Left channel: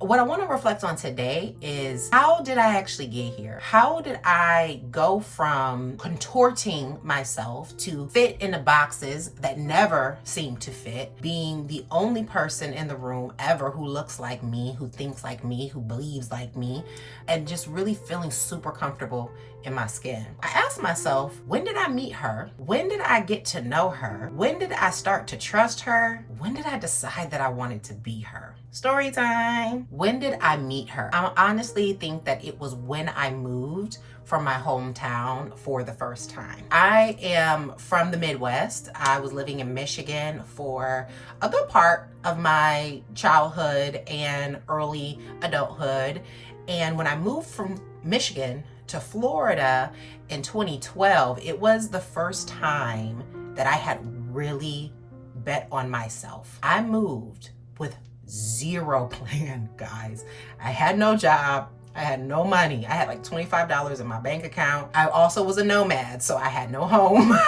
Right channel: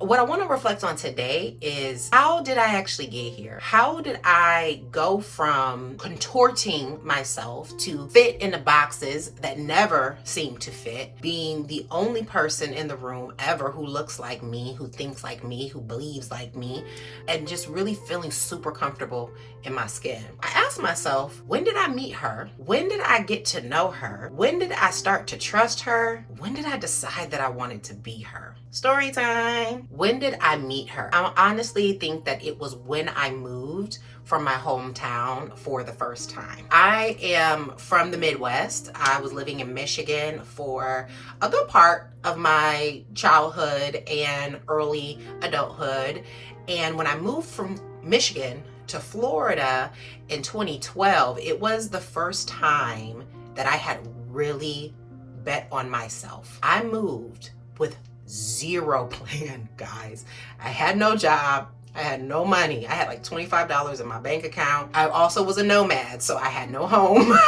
What I want to reflect on today is, how did I actually get here? How did I go from contorting myself to fit in the boxes that never seem to fit, being the only person in the room ever who looks like me, who thinks like me, who believes like me, and just really feeling super comfortable in my skin? I asked myself, when did I meet her? When did I get to know her? When did I start to trust her? When did I decide that I wanted to be her? Story time. When did I meet her? I honestly think that it was when I moved from my hometown for the first time. I am from the Midwest. I was living in Michigan for a good part of my childhood and early adulthood. And when I moved from Michigan to Florida in 2012, it was the first time that I had really bet on myself. I moved with zero plan, guys. I had no job. I had no money. I had like $25 in my bank account. I also was a nomad, so I had no home.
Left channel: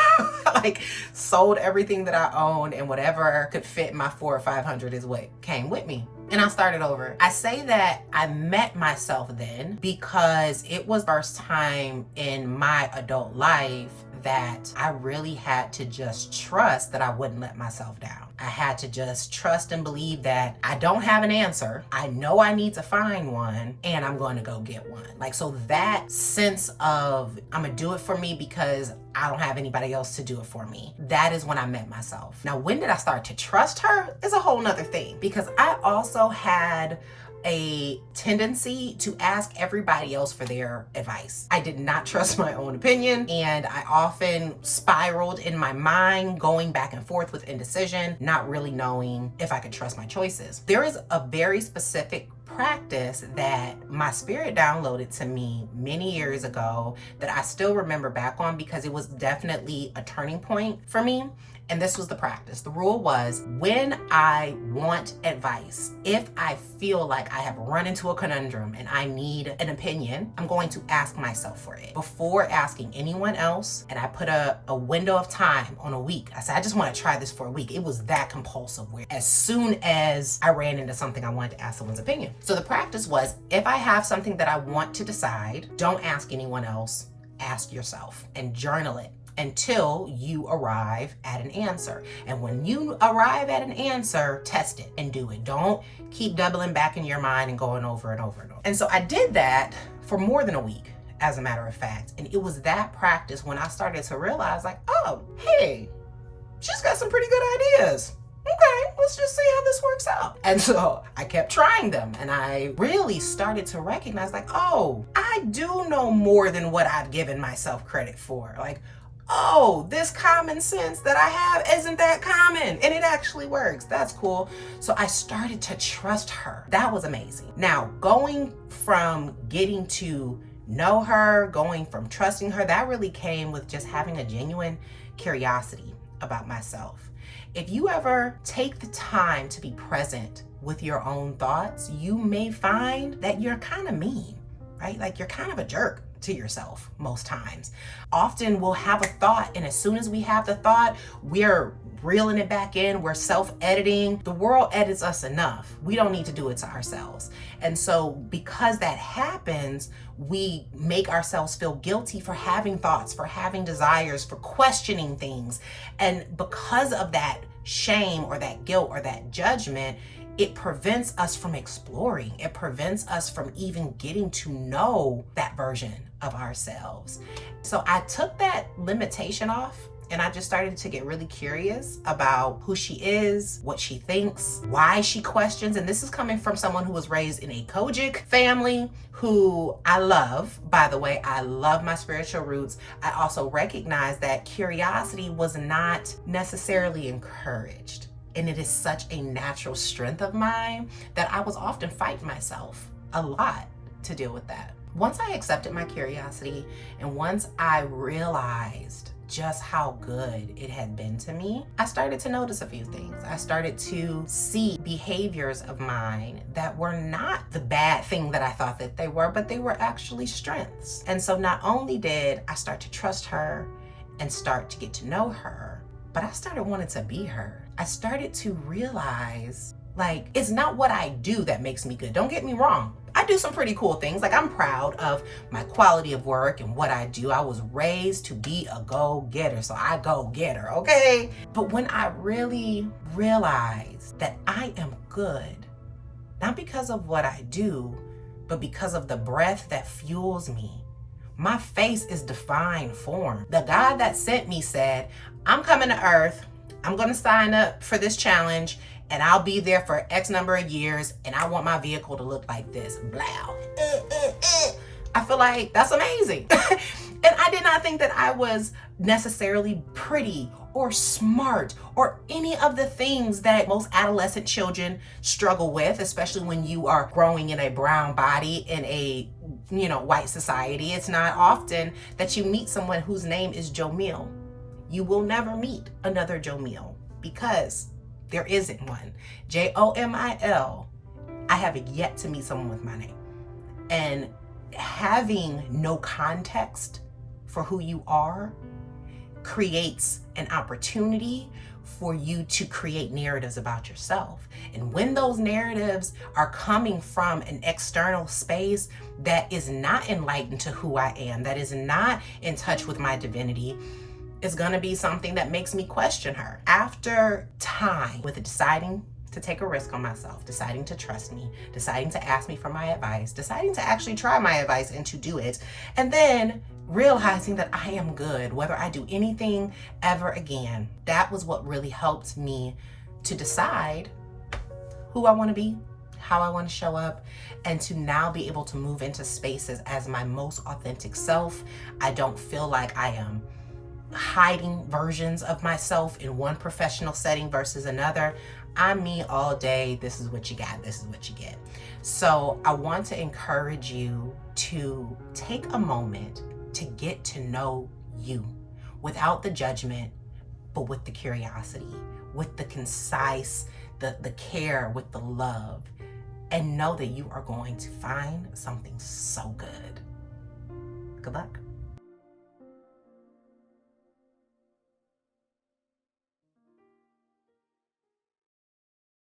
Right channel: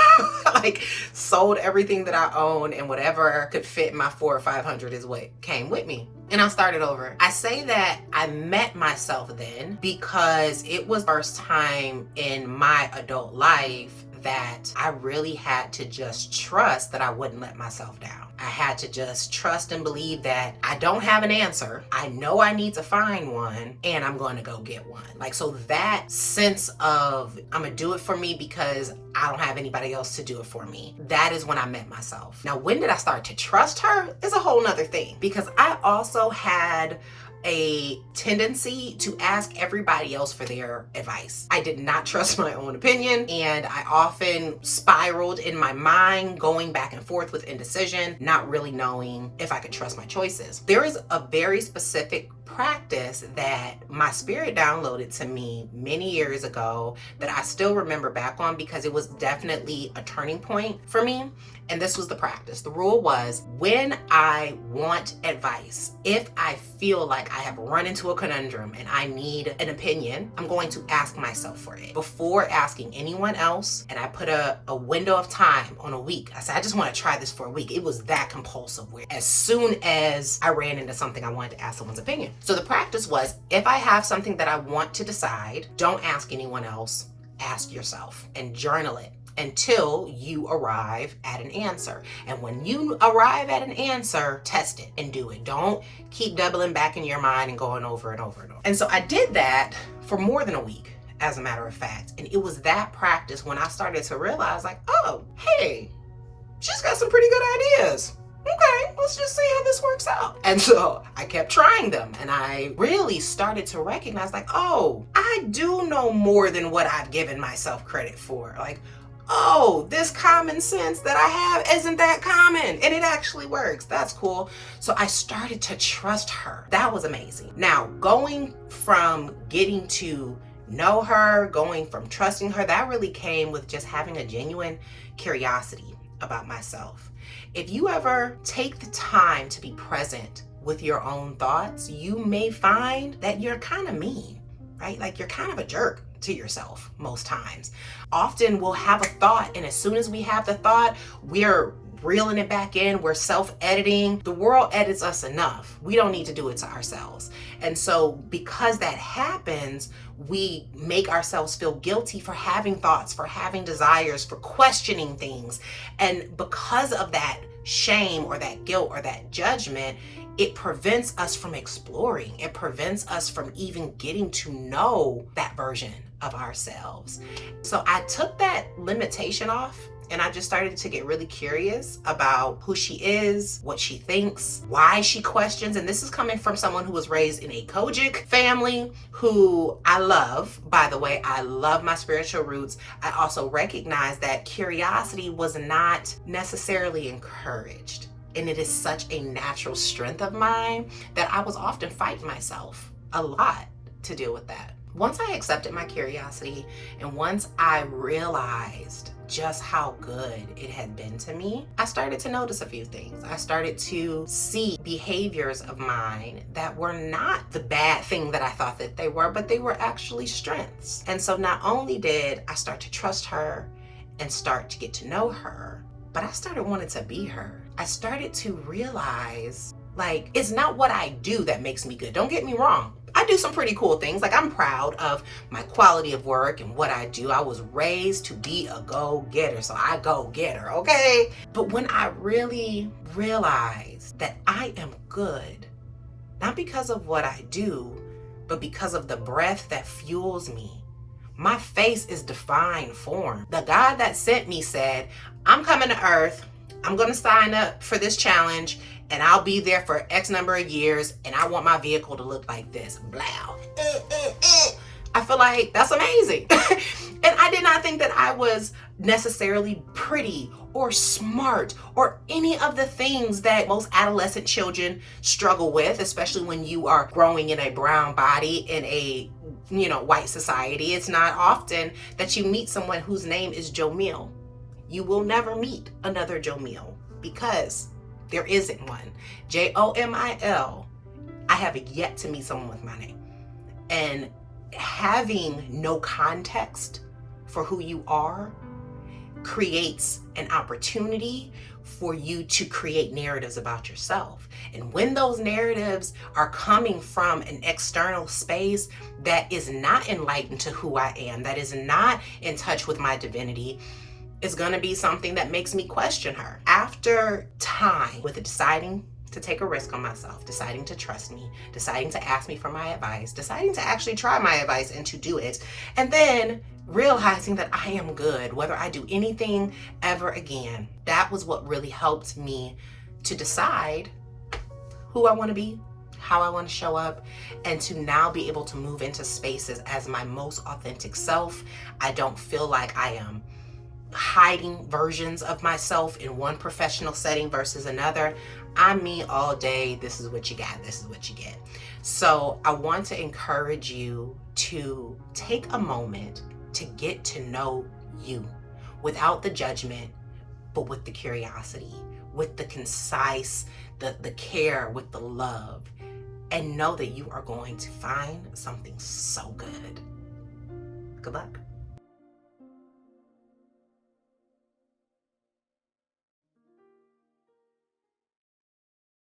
Like, sold everything that I owned, and whatever could fit my 400 or 500 is what came with me. And I started over. I say that I met myself then because it was the first time in my adult life that I really had to just trust that I wouldn't let myself down. I had to just trust and believe that I don't have an answer. I know I need to find one, and I'm going to go get one. Like, so that sense of I'm going to do it for me because I don't have anybody else to do it for me. That is when I met myself. Now, when did I start to trust her is a whole nother thing, because I also had a tendency to ask everybody else for their advice. I did not trust my own opinion, and I often spiraled in my mind, going back and forth with indecision, not really knowing if I could trust my choices. There is a very specific practice that my spirit downloaded to me many years ago that I still remember back on because it was definitely a turning point for me. And this was the practice. The rule was, when I want advice, if I feel like I have run into a conundrum and I need an opinion, I'm going to ask myself for it before asking anyone else. And I put a window of time on a week. I said, I just want to try this for a week. It was that compulsive, where as soon as I ran into something, I wanted to ask someone's opinion. So the practice was, if I have something that I want to decide, don't ask anyone else, ask yourself and journal it until you arrive at an answer. And when you arrive at an answer, test it and do it. Don't keep doubling back in your mind and going over and over and over. And so I did that for more than a week, as a matter of fact. And it was that practice when I started to realize, like, oh, hey, she's got some pretty good ideas. Okay, let's just see how this works out. And so I kept trying them, and I really started to recognize, like, oh, I do know more than what I've given myself credit for. Like, oh, this common sense that I have isn't that common, and it actually works. That's cool. So I started to trust her. That was amazing. Now, going from getting to know her, going from trusting her, that really came with just having a genuine curiosity about myself. If you ever take the time to be present with your own thoughts, you may find that you're kind of mean, right? Like, you're kind of a jerk to yourself most times. Often we'll have a thought, and as soon as we have the thought, we're reeling it back in. We're self-editing. The world edits us enough. We don't need to do it to ourselves. And so because that happens, we make ourselves feel guilty for having thoughts, for having desires, for questioning things. And because of that shame or that guilt or that judgment, it prevents us from exploring. It prevents us from even getting to know that version of ourselves. So I took that limitation off, and I just started to get really curious about who she is, what she thinks, why she questions. And this is coming from someone who was raised in a Kojic family, who I love. By the way, I love my spiritual roots. I also recognize that curiosity was not necessarily encouraged. And it is such a natural strength of mine that I was often fighting myself a lot to deal with that. Once I accepted my curiosity, and once I realized just how good it had been to me, I started to notice a few things. I started to see behaviors of mine that were not the bad thing that I thought that they were, but they were actually strengths. And so not only did I start to trust her and start to get to know her, but I started wanting to be her. I started to realize Like, it's not what I do that makes me good. Don't get me wrong. I do some pretty cool things. Like, I'm proud of my quality of work and what I do. I was raised to be a go-getter, so I go-getter, okay? But when I really realize that I am good, not because of what I do, but because of the breath that fuels me, my face is divine form. The God that sent me said, I'm coming to earth, I'm gonna sign up for this challenge, and I'll be there for X number of years, and I want my vehicle to look like this. Blow. I feel like that's amazing. And I did not think that I was necessarily pretty or smart or any of the things that most adolescent children struggle with, especially when you are growing in a brown body in a white society. It's not often that you meet someone whose name is Jomil. You will never meet another Jomil because there isn't one. Jomil. I have yet to meet someone with my name. And having no context for who you are creates an opportunity for you to create narratives about yourself. And when those narratives are coming from an external space that is not enlightened to who I am, that is not in touch with my divinity, is going to be something that makes me question her. After time with deciding to take a risk on myself, deciding to trust me, deciding to ask me for my advice, deciding to actually try my advice and to do it, and then realizing that I am good, whether I do anything ever again, that was what really helped me to decide who I want to be, how I want to show up, and to now be able to move into spaces as my most authentic self. I don't feel like I am hiding versions of myself in one professional setting versus another. I'm me all day. This is what you got. This is what you get. So I want to encourage you to take a moment to get to know you without the judgment, but with the curiosity, with the concise, the care, with the love, and know that you are going to find something so good. Good luck.